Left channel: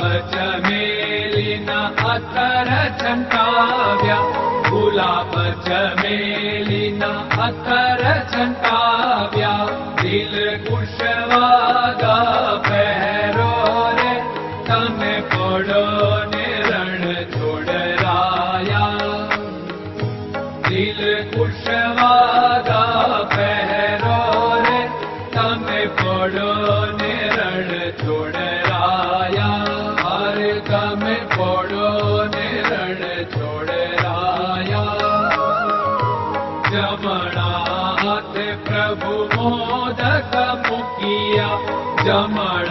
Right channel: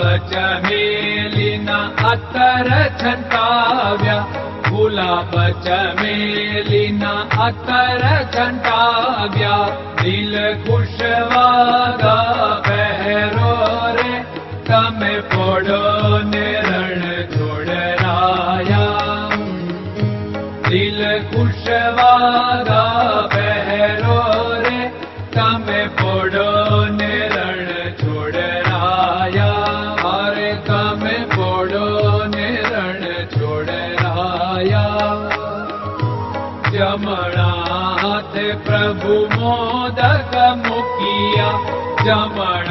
पचमे जमणाथ प्रभु मोदक मुखिया जमणा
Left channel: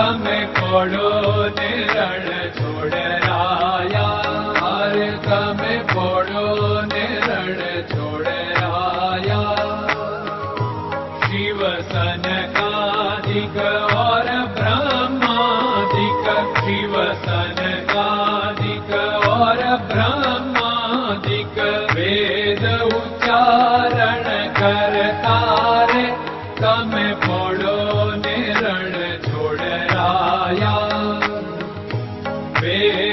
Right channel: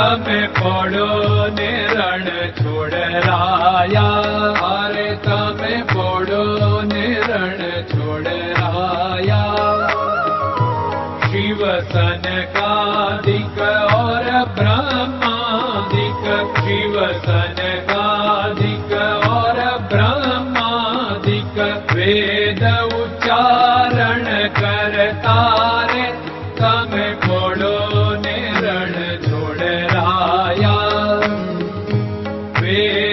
તમે પોડો ને રણ છોડરાયા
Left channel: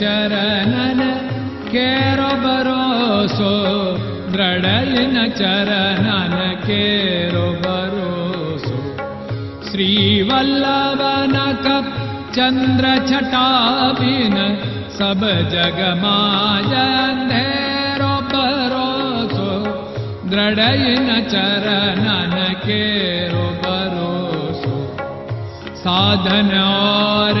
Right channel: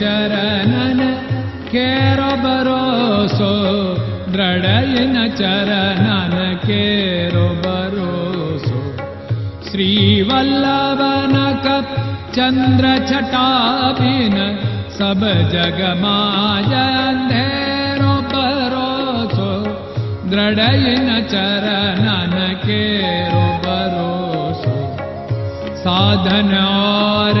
चरणन केरो भरोसो चरणन चरन केरो भरोसो कप चन्द्र छटाबिन सब जग भरोसो दृढयन चरणन केरो भरोसो साधन और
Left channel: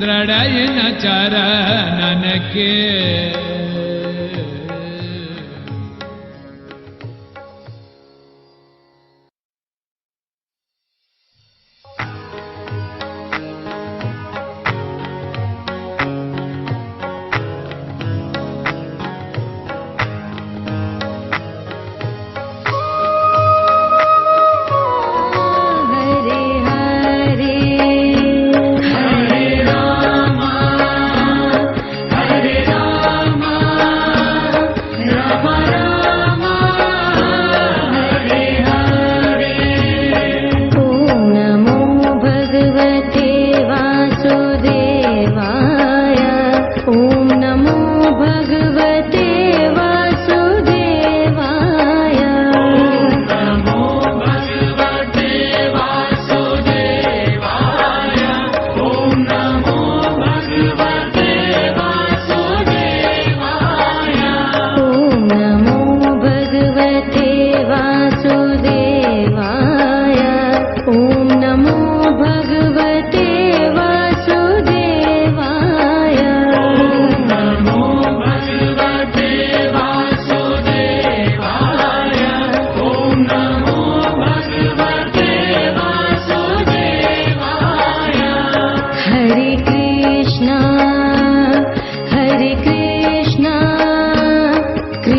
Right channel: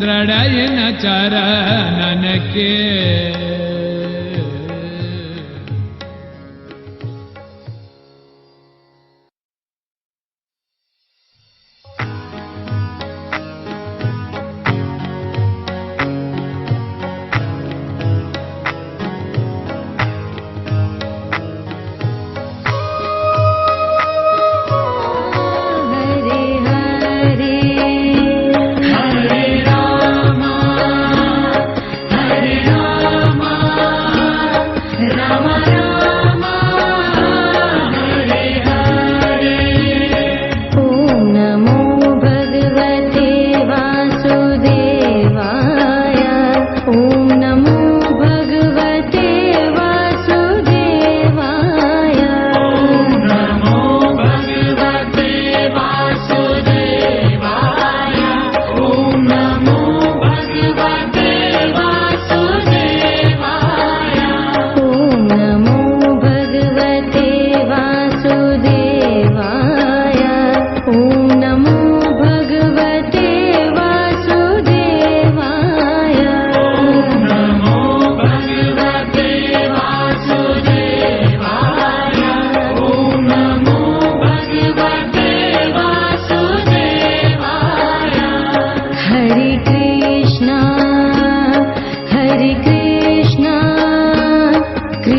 ದೃಢಯನ ನನಕ್ಕೆ Come on now.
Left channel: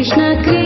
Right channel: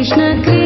Krishna Krishna